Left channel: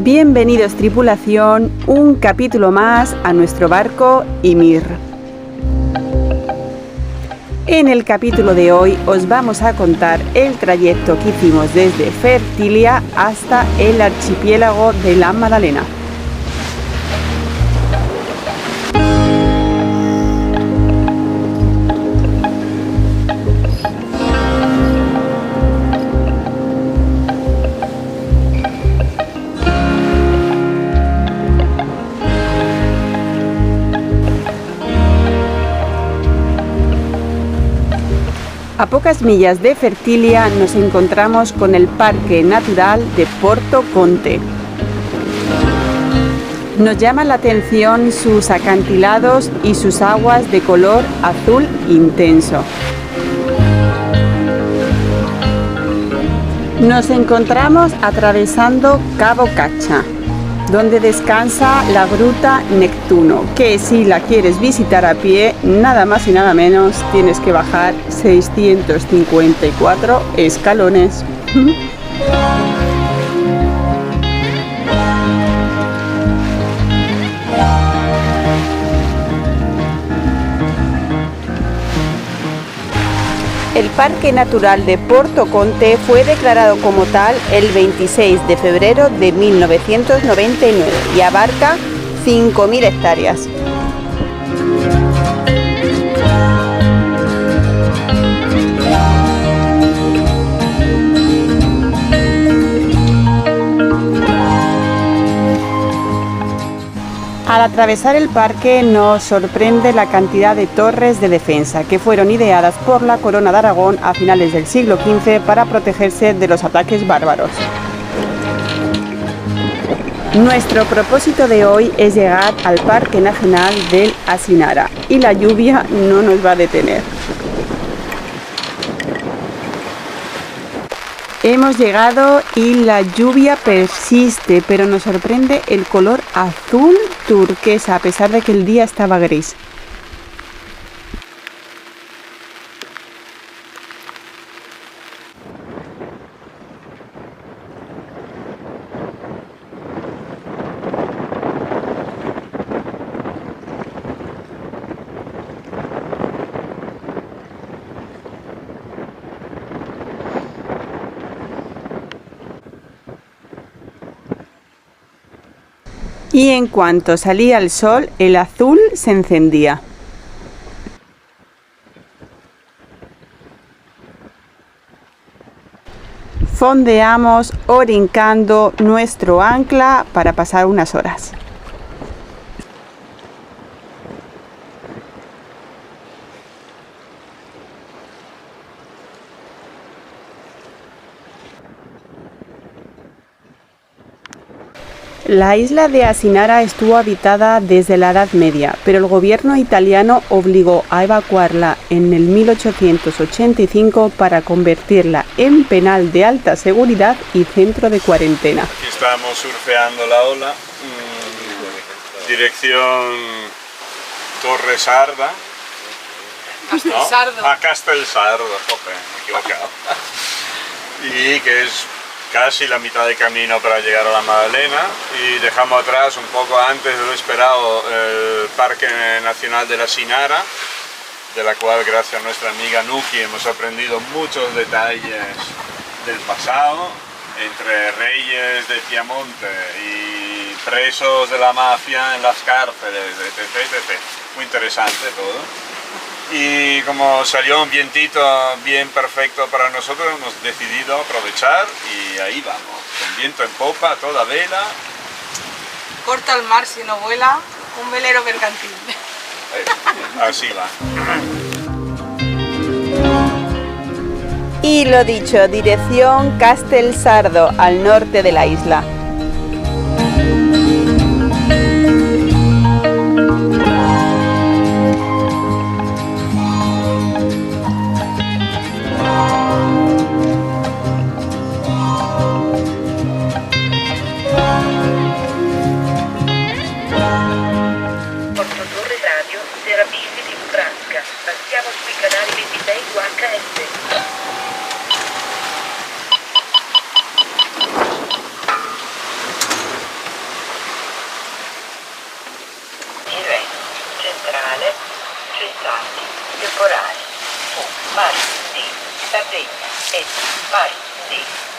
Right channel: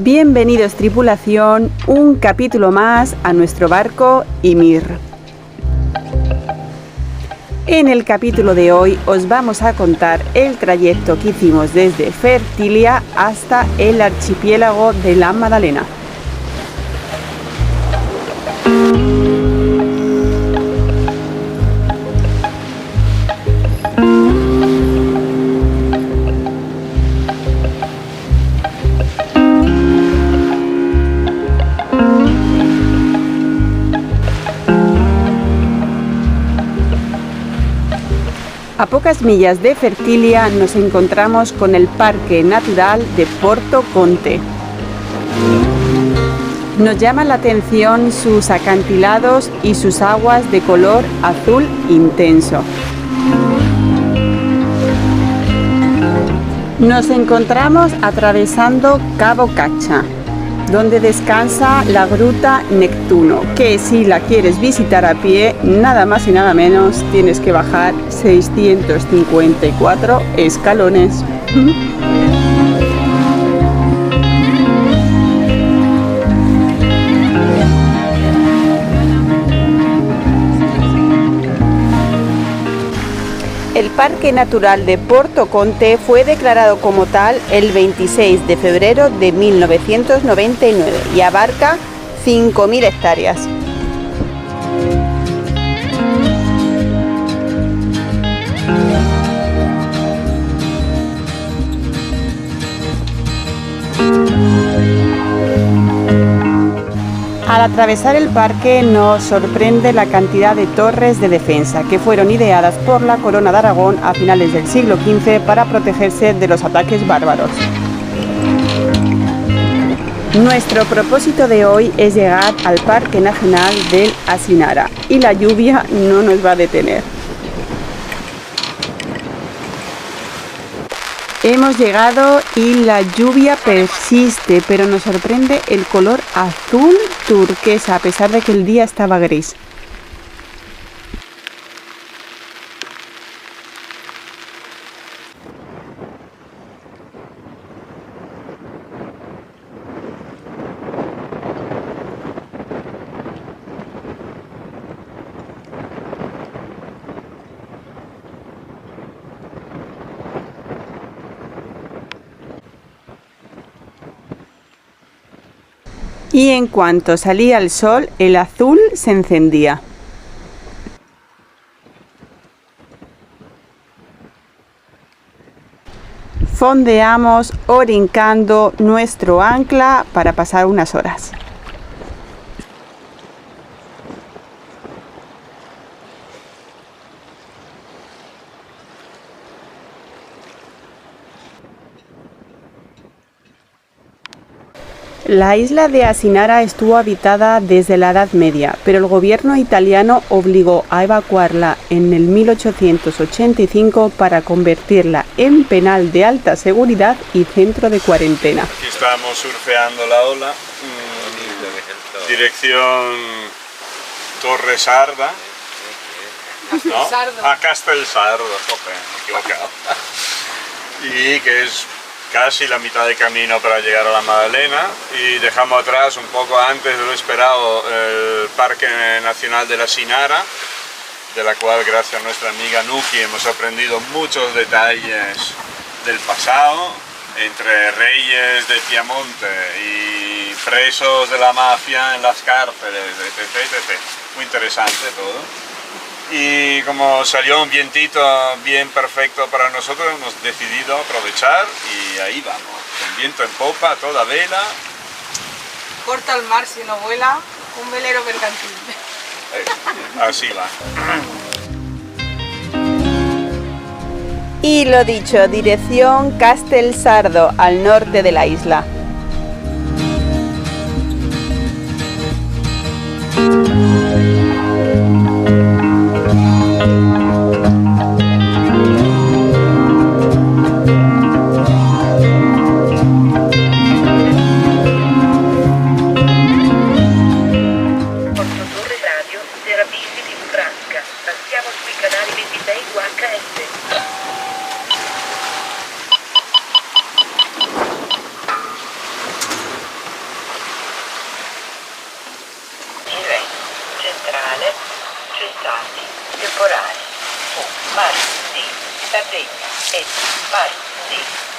Bienvenidos tripulación, un capítulo más a nuestro barco Ymir. En el capítulo de hoy os vamos a contar el trayecto que hicimos desde Fertilia hasta el archipiélago de la Maddalena. A pocas millas de Fertilia nos encontramos con el Parque Natural de Porto Conte. Nos llama la atención sus acantilados y sus aguas de color azul intenso. Nos encontramos atravesando Cabo Cacha, donde descansa la Gruta Neptuno, que si la quieres visitar a pie, nada más y nada menos tienes que bajar 654 escalones. El Parque Natural de Porto Conte fue declarado como tal el 26 de febrero de 1999 y abarca 5.000 hectáreas. Al atravesar el parque nos sorprende la cantidad de torres de defensa que fueron ideadas por la Corona de Aragón a finales del siglo XV para protegerse de los ataques bárbaros. Nuestro propósito de hoy es llegar al Parque Nacional del Asinara y la lluvia no nos va a detener. Hemos llegado y la lluvia persiste, pero nos sorprende el color azul turquesa a pesar de que el día estaba gris. Y en cuanto salía el sol, el azul se encendía. Fondeamos orincando nuestro ancla para pasar unas horas. La isla de Asinara estuvo habitada desde la Edad Media, pero el gobierno italiano obligó a evacuarla en el 1885 para convertirla en penal de alta seguridad y centro de cuarentena. Aquí estamos surfeando la ola, dirección Torre Sarda, ¿no? Castelsardo, joder, me he equivocado. Y que es casi la mitad de camino para llegar a la Maddalena, y dejamos atrás un poco antes de lo esperado el Parque Nacional de la Asinara, de la cual gracias a nuestra amiga Nuki hemos aprendido muchos detalles del pasado, entre reyes de Piamonte y presos de la mafia en las cárceles, etc. Muy interesante todo. Y como salió un vientito bien perfecto para nosotros, hemos decidido aprovechar y ahí vamos, con viento en popa, toda vela. Corta el mar si no vuela, un velero mercantil. Así va. Y lo dicho, dirección Castelsardo, al norte de la isla. Passiamo sui canali 26 UHF.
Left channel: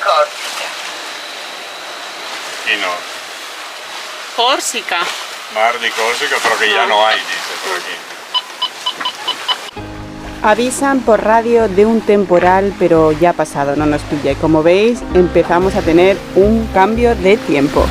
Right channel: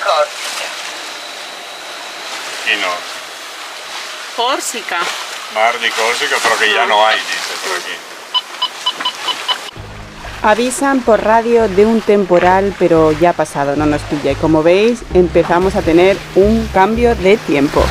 Córcega. Aquí no. Córcega. Mar de Córcega, pero que ya no hay, dice por aquí. Avisan por radio de un temporal, pero ya ha pasado, no nos pilla. Y como veis, empezamos a tener un cambio de tiempo.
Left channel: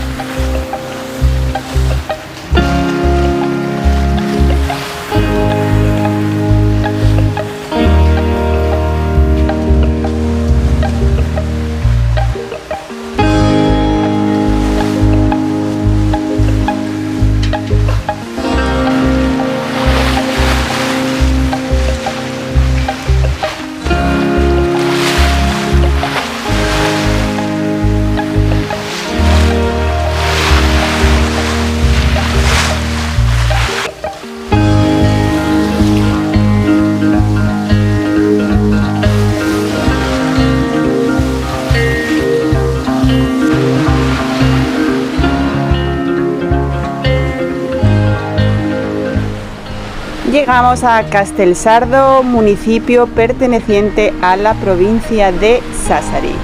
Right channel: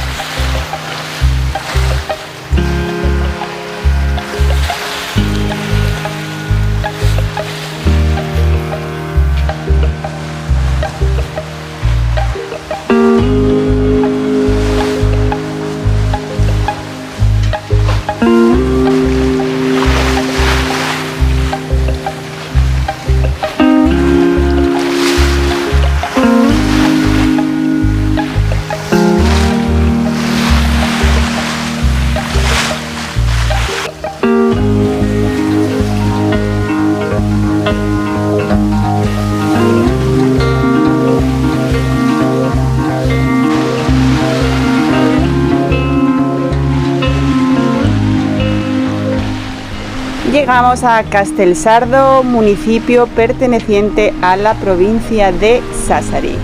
Llegamos a Castelsardo, municipio perteneciente a la provincia de Sassari.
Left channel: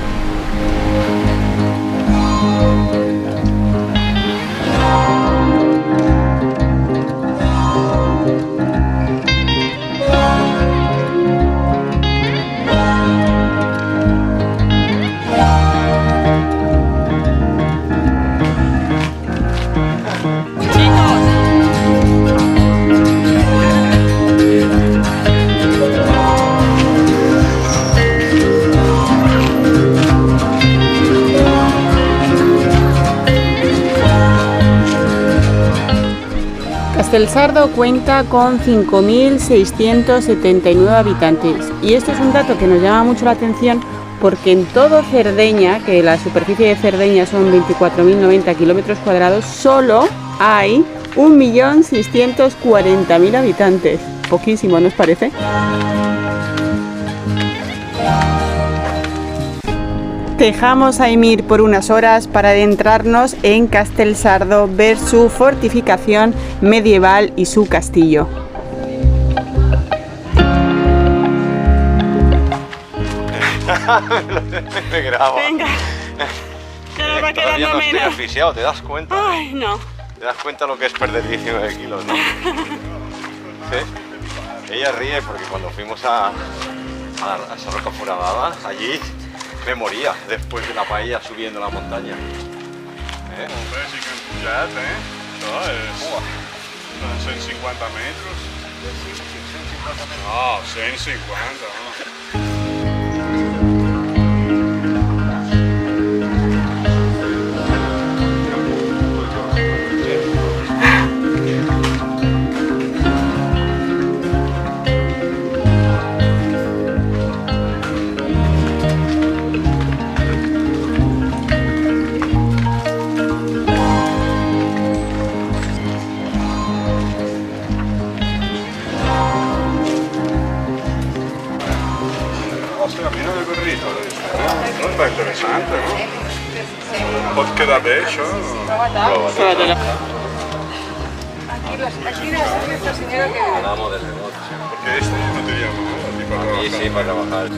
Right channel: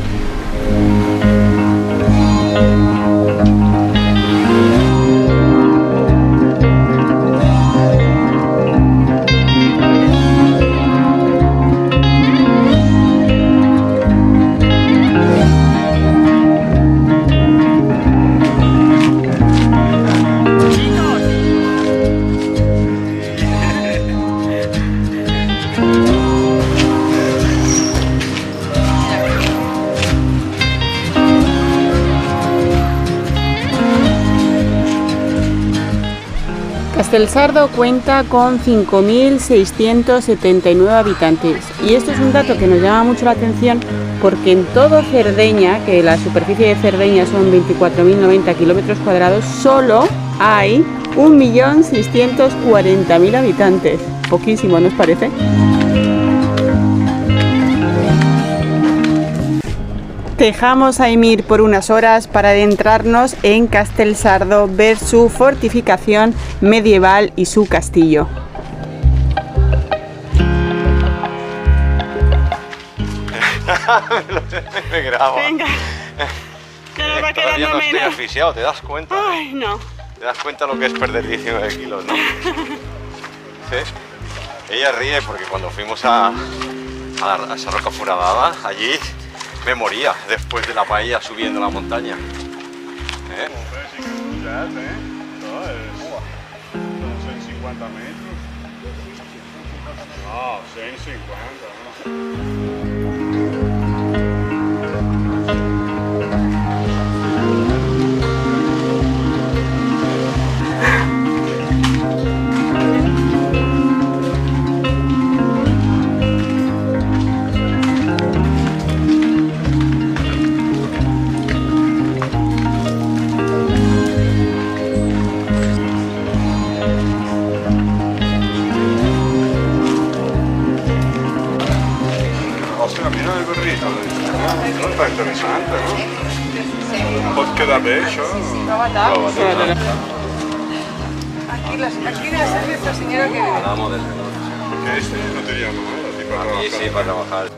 Castelsardo cuenta con 5.679 habitantes y esto es un dato que nos llama mucho la atención porque en todo Cerdeña, que la superficie de Cerdeña son 24.090 kilómetros cuadrados, solo hay 1.640.000 habitantes. Poquísimo, ¿no os parece? Dejamos a Emir por unas horas para adentrarnos en Castelsardo, ver su fortificación medieval y su castillo. Me grabo. Venga, ya nos va quedando Todavía no estoy menos. asfixiado, ¿te das cuenta? Ay, no. ¿Te das cuenta lo que es perder 19 kilos, no? ¿Sí? Ella ríe porque cuando fuimos a esa roca foradada, allí me moría después de la paella subiendo la montaña. ¿Eh? Hombre, sí que es un jet, ¿eh? No, son 150 metros. No, 150, ¿no? Hòstia, mira el burrito. No està interessant, no? Pot quedar bé, això? Aquí la señora que vive. Hablamos del negocio. Porque este no tenía nada, tipo para Aquí sí, para trabajar.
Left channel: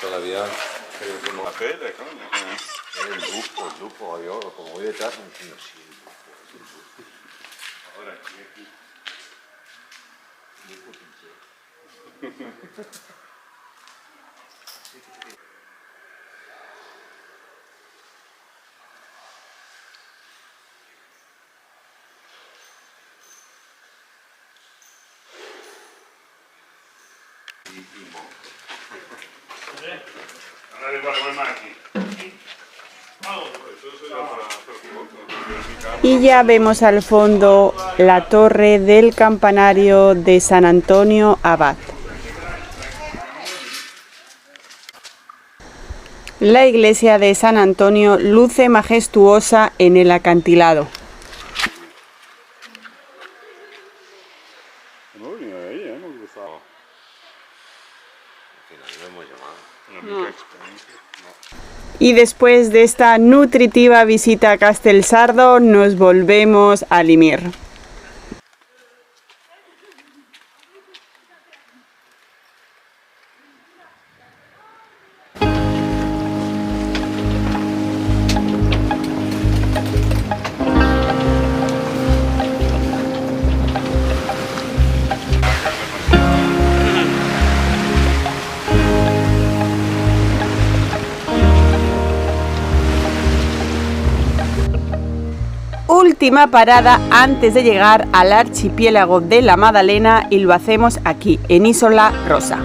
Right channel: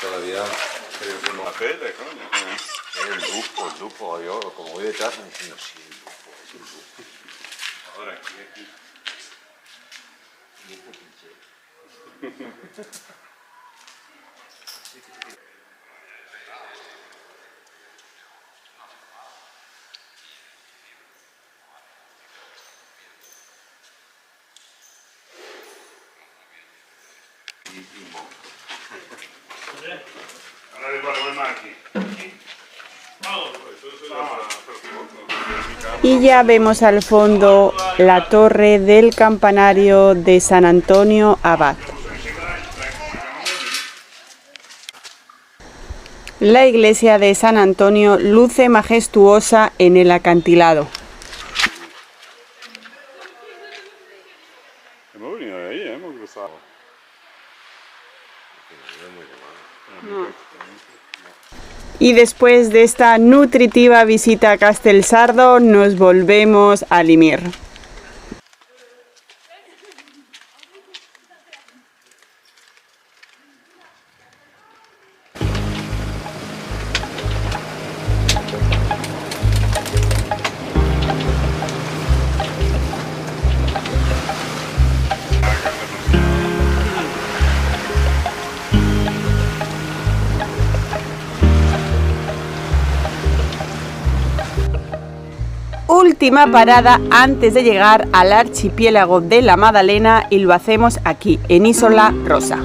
Todavía creo que no. La tele, coño. El lupo, yo como voy detrás me diciendo sí, el lupo, es el lupo. Ahora aquí. Lupo pinche. Ahora le ponemos el mar aquí. Y ya vemos al fondo la torre del campanario de San Antonio Abad. La iglesia de San Antonio luce majestuosa en el acantilado. Y después de esta nutritiva visita a Castelsardo, nos volvemos a Limir. Última parada antes de llegar al archipiélago de la Madalena y lo hacemos aquí, en Isola Rosa.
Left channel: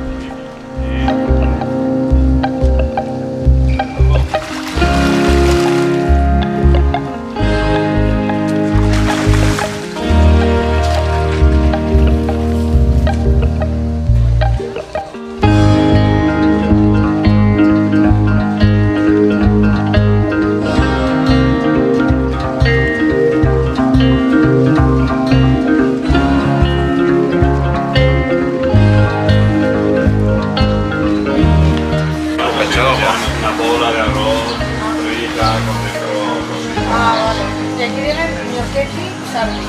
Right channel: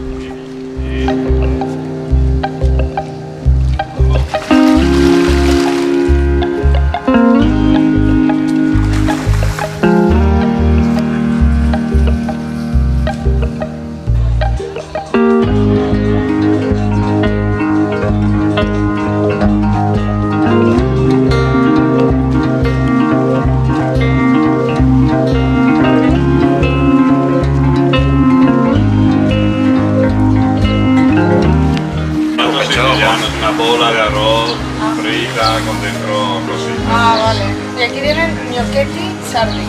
Una bola de arroz frita con dentro cositas. Ah, vale. Y aquí vienen gnocchetti sardi.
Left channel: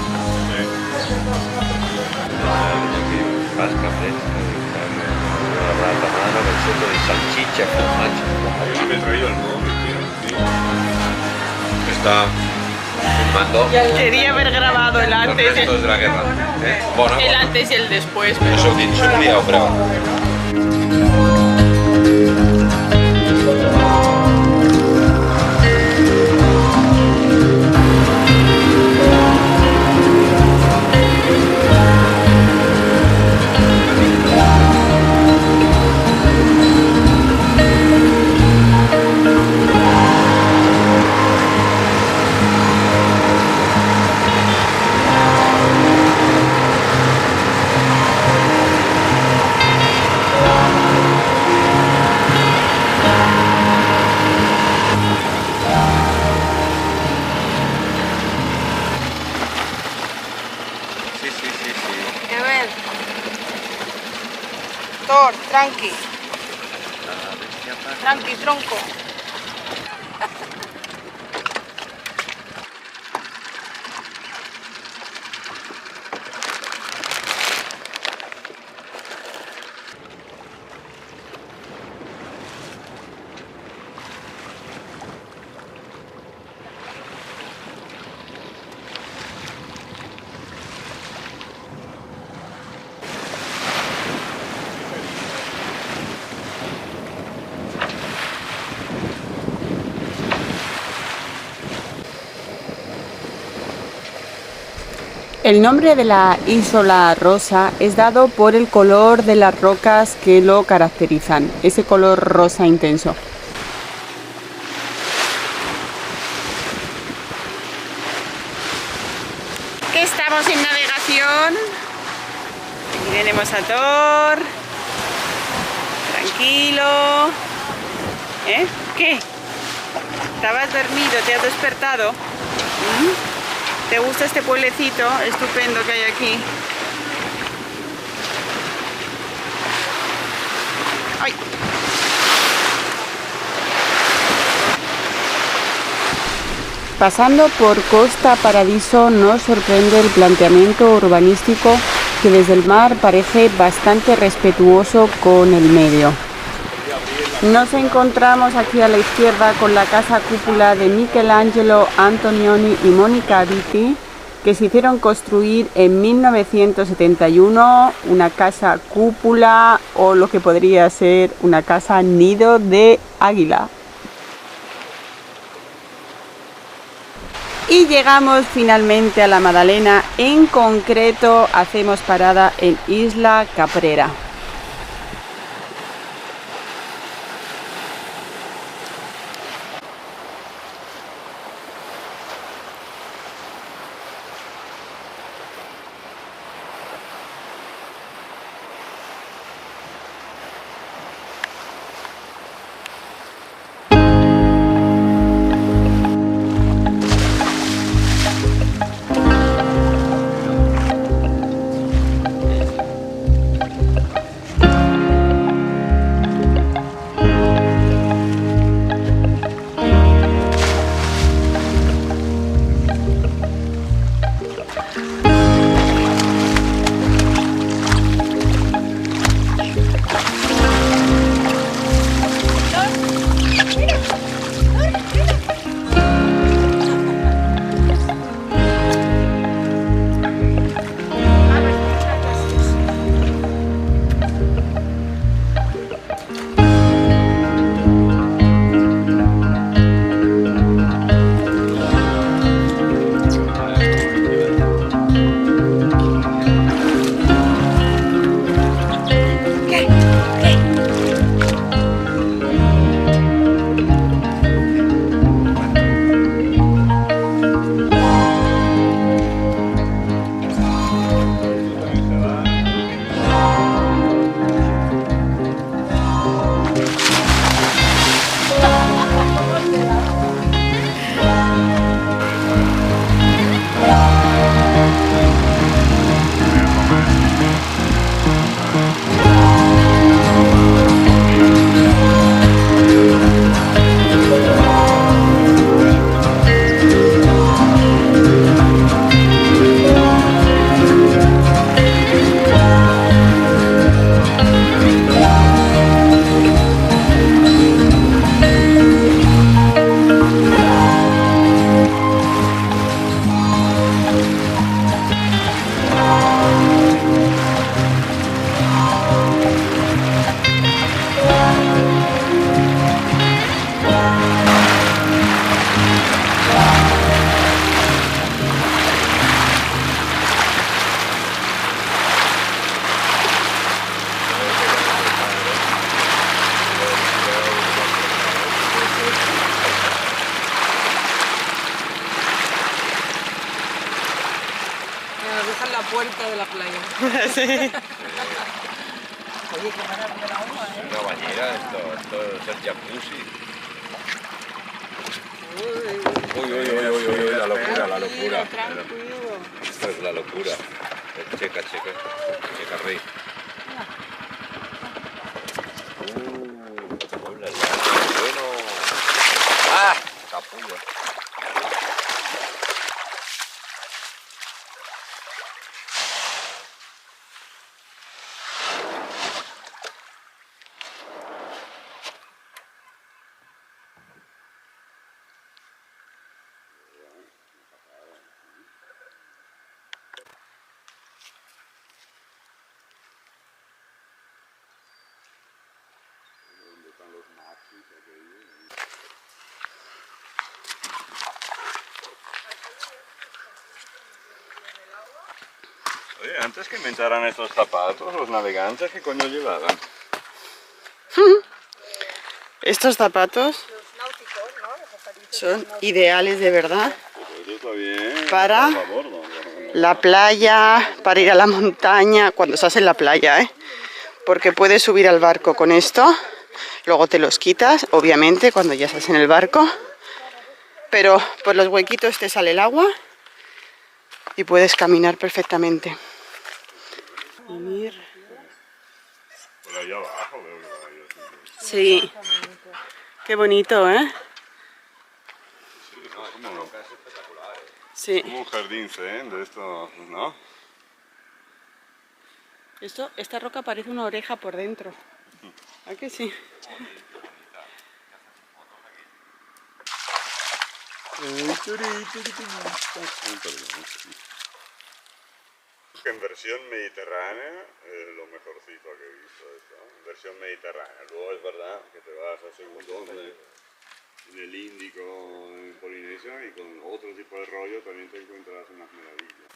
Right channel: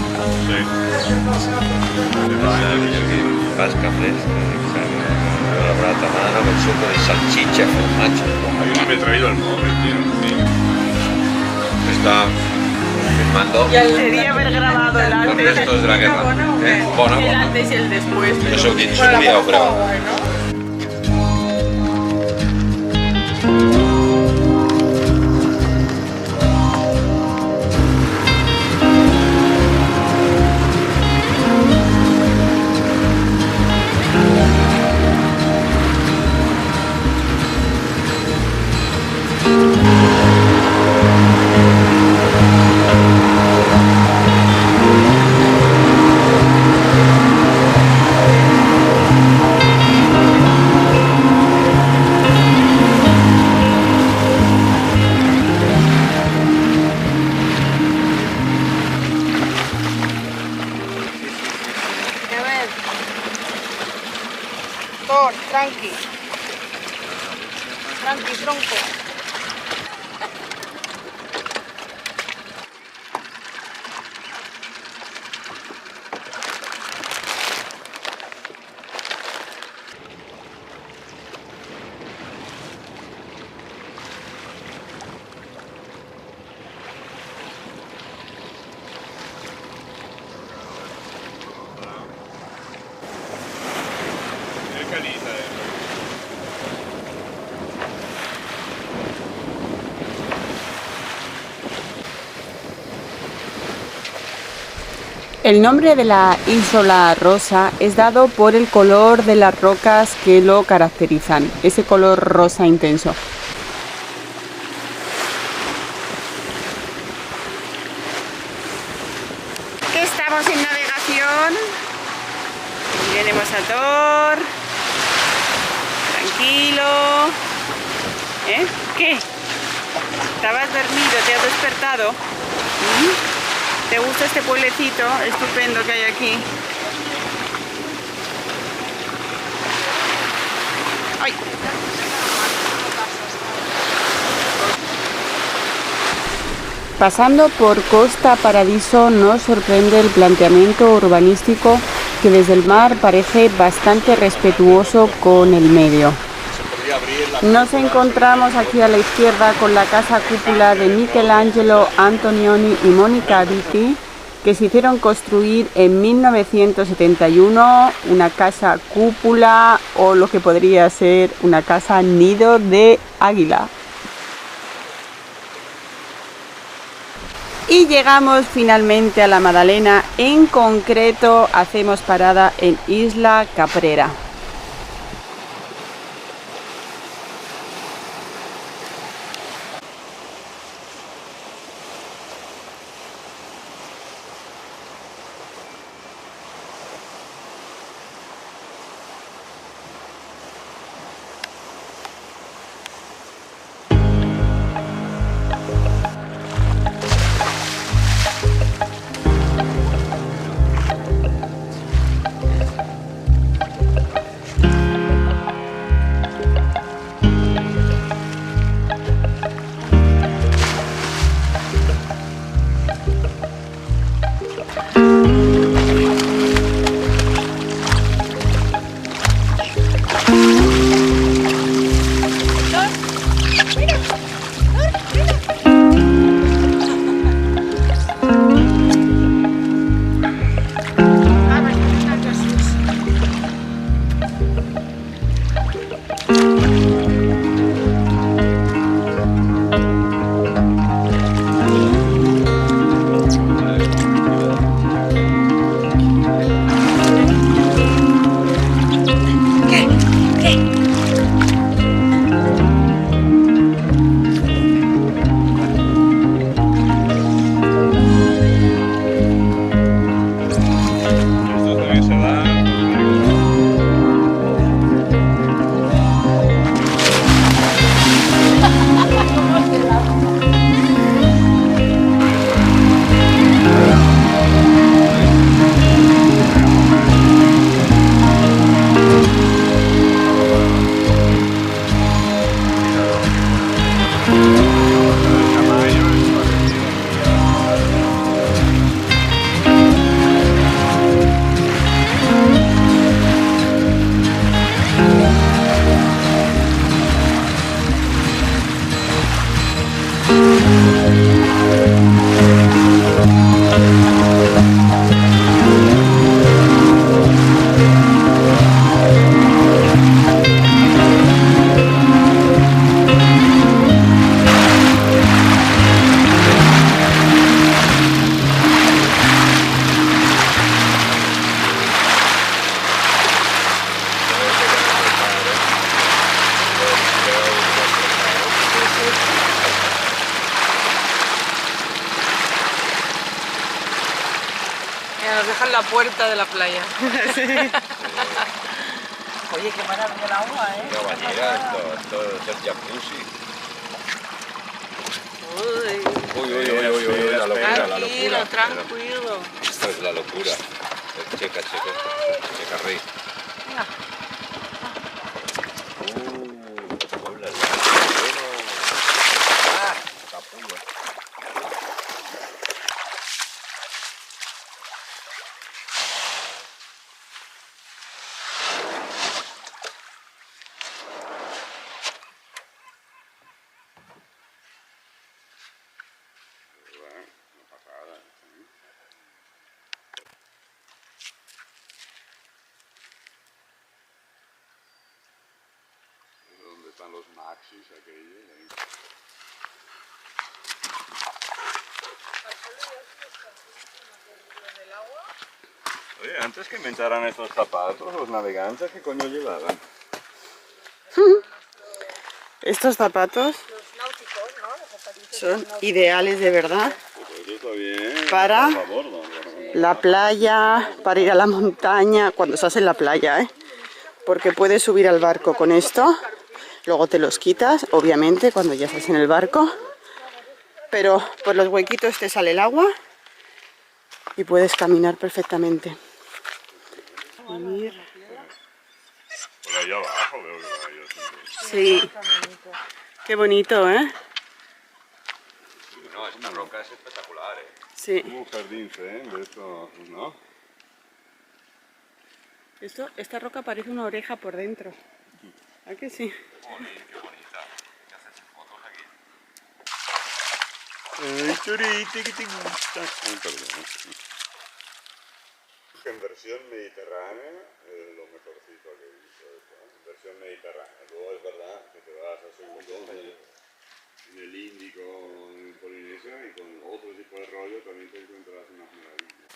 Sí. Pasca fresca, la brata mano con suco de salchicha, formaggio. Yo no me he traído el móvil, tío. Está filmando Quería haber grabado el los antes, restos de la guerra. Bueno, el antes y el después. no se olvida, pero... Thor, tranqui. Tranqui, tronco. El nombre de la Isola Rosa es dado por el color de las rocas que lo caracterizan, ese color rosa intenso. Que estamos en navegación. Aquí tenemos a Thor. Tranquilo. ¿Eh? ¿Qué? ¿Estabas dormido? ¿Te has despertado? ¿Te gusta este pueblecito estupendo que hay aquí? ¡Ay! Pasando por Costa Paradiso nos sorprende el planteamiento urbanístico que desde el mar parece bastante respetuoso con el medio. Nos encontramos aquí a la izquierda con la casa cúpula de Michelangelo Antonioni y Monica Vitti, que se hicieron construir en 1971, una casa cúpula o lo que podría ser una casa nido de águila. Y llegamos finalmente a la Madalena, en concreto hacemos parada en Isla Caprera. deja en la puerta de la playa. Oye, qué maravilla el agua, ¿eh? Una bañera, esto es el jacuzzi. Uy, la locura, la locura. Tranquilo. Esto es la locura. Checa rey. Hola, bueno. ¡Ah! Capullo. ¿Dónde están los maxis aquellos? Ahí. Oye, antes que inventaran estos zapatos, los navegantes, ¿qué coño llevaban? Estos zapatos son ideales de verdad Pues eso está bien. para Por favor, no. la playa, para ir a la montaña, cuando estás en la playa, ¿eh? Porque puedes subir al barco con esto, luego te los quitas, obviamente, cuando ya estás en el barco, pero por los huequitos te sale el agua y puedes caminar perfectamente. Por allá abajo veo que va yo. Sí, qué bonito, ¿eh? No, esta roca es espectacular, ¿eh? Sí. Como un jardín zen de esto, ¿no? Esta roca parece una oreja por dentro. ¿A que sí? Joder, qué bonita. ¿Qué haces fotos aquí? Ay, churite, que te gusta. Ay, perdón. En versión mediterránea es lo mejorcito que he visto esto, ¿eh? En versión mediterránea. Luego es verdad que te vas a segundo en el Índico, en Polinesia, y con otro tipo de rollo también te encuentras unas maravillas.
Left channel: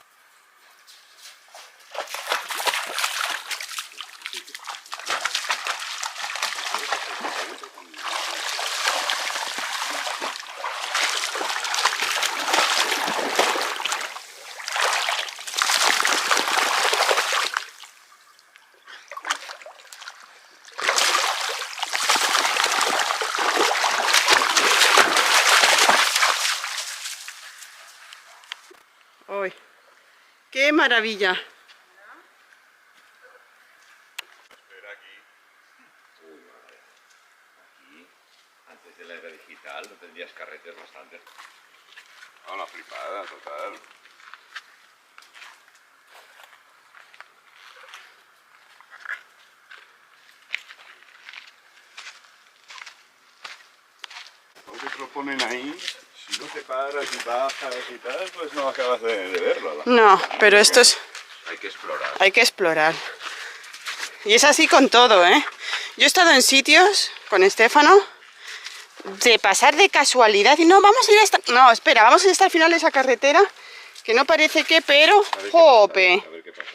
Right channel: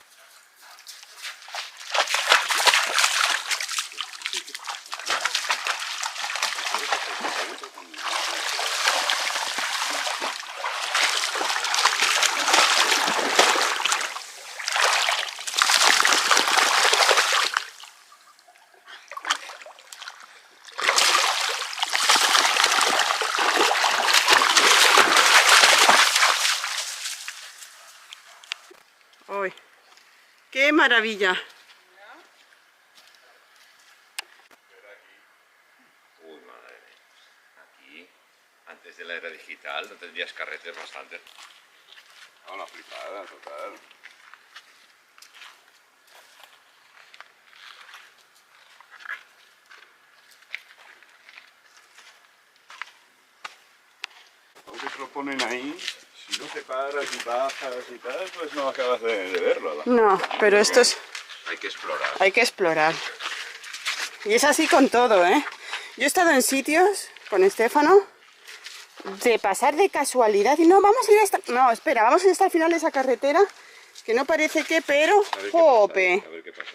¡Uy! ¡Qué maravilla! Espera aquí. Uy, madre mía. Aquí, antes de la era digital, no tendrías carretes bastante. Ah, una flipada, total. Aunque te lo ponen ahí, si no te paras y bajas y tal, pues no acabas de verlo. No, pero esto es... Hay que explorar. Hay que explorar. Y es así con todo, ¿eh? Yo he estado en sitios con Estefano de pasar de casualidad y no, vamos a ir hasta... No, espera, vamos a ir hasta el final de esa carretera, que no parece que, pero... ¡Jope! A ver qué pasa.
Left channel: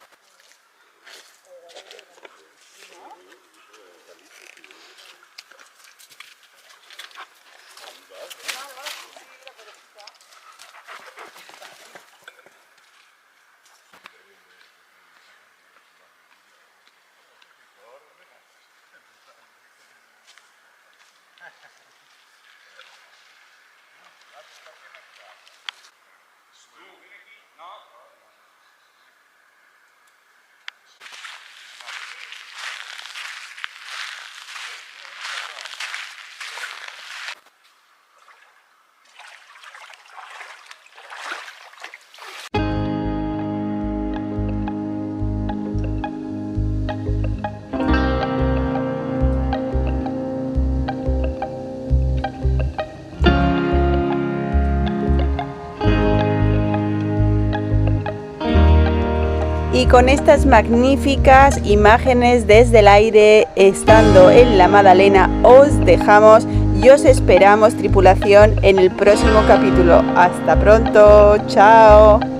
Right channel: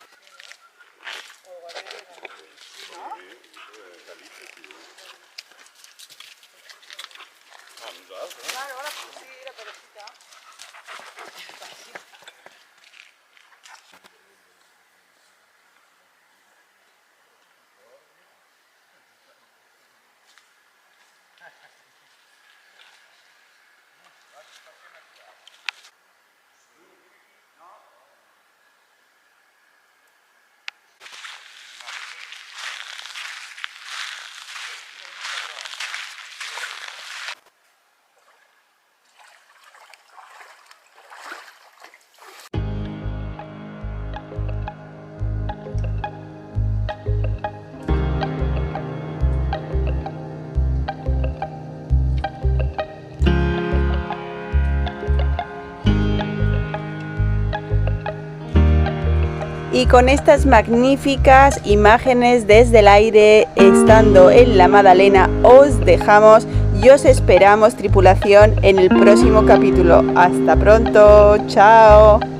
Y con estas magníficas imágenes desde el aire, estando en la Madalena, os dejamos y os esperamos, tripulación, en el próximo capítulo. Hasta pronto, chao.